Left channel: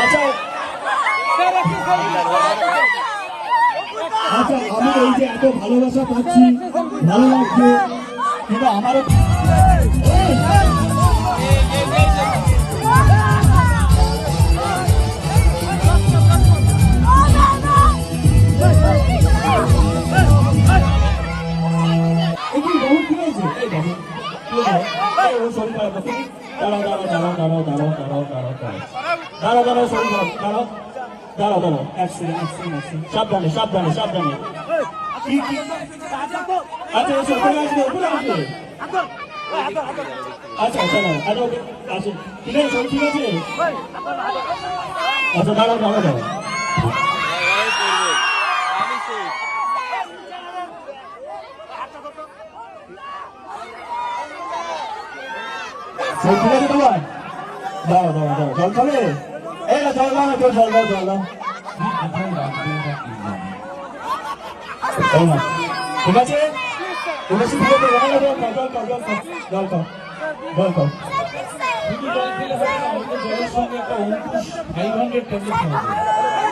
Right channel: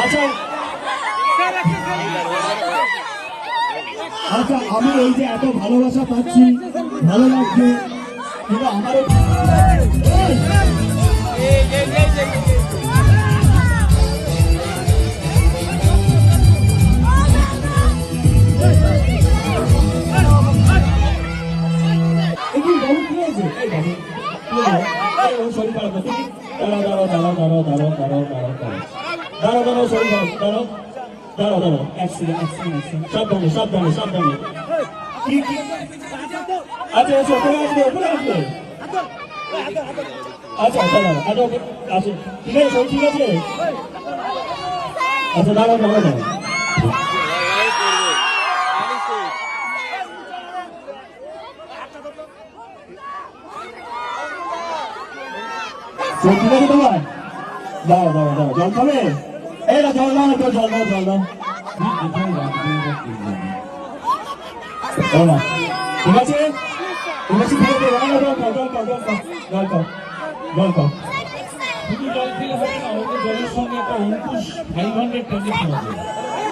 আচ্ছা আচ্ছা, আমার এই যে এত ভালোবাসা পাচ্ছি, ভালো লাগছে, কিন্তু আমারও একটু বাবু কি হয়েছে? এই বাবু ওর শরীর খারাপ করছে। দাঁড়াও দাঁড়াও দাঁড়াও দাঁড়াও দাঁড়াও দাঁড়াও দাঁড়াও দাঁড়াও দাঁড়াও শরীর খারাপ, দাঁড়াও দাঁড়াও দাঁড়াও, সাবধানে সাবধানে সাবধানে। আচ্ছা আচ্ছা, ওখানে আসবে ওখানে আসবে। আচ্ছা দাঁড়াও, আচ্ছা ঠিক আছে, শরীর ঠিক আছে? আচ্ছা দাঁড়াও দাঁড়াও দাঁড়াও। জল ঠিক আছে তোমার? দাও দাও দাও, জল খাবে? এই না জল দাও, জল জল দাও জল দাও। ঠিক আছে ঠিক আছে, ঠিক আছে, জল খাও জল খাও জল খাও জল খাও। শুধু জল খেলে হবে না, জলের সঙ্গে একটা অঙ্কুশ 500 ট্যাবলেট খাওয়া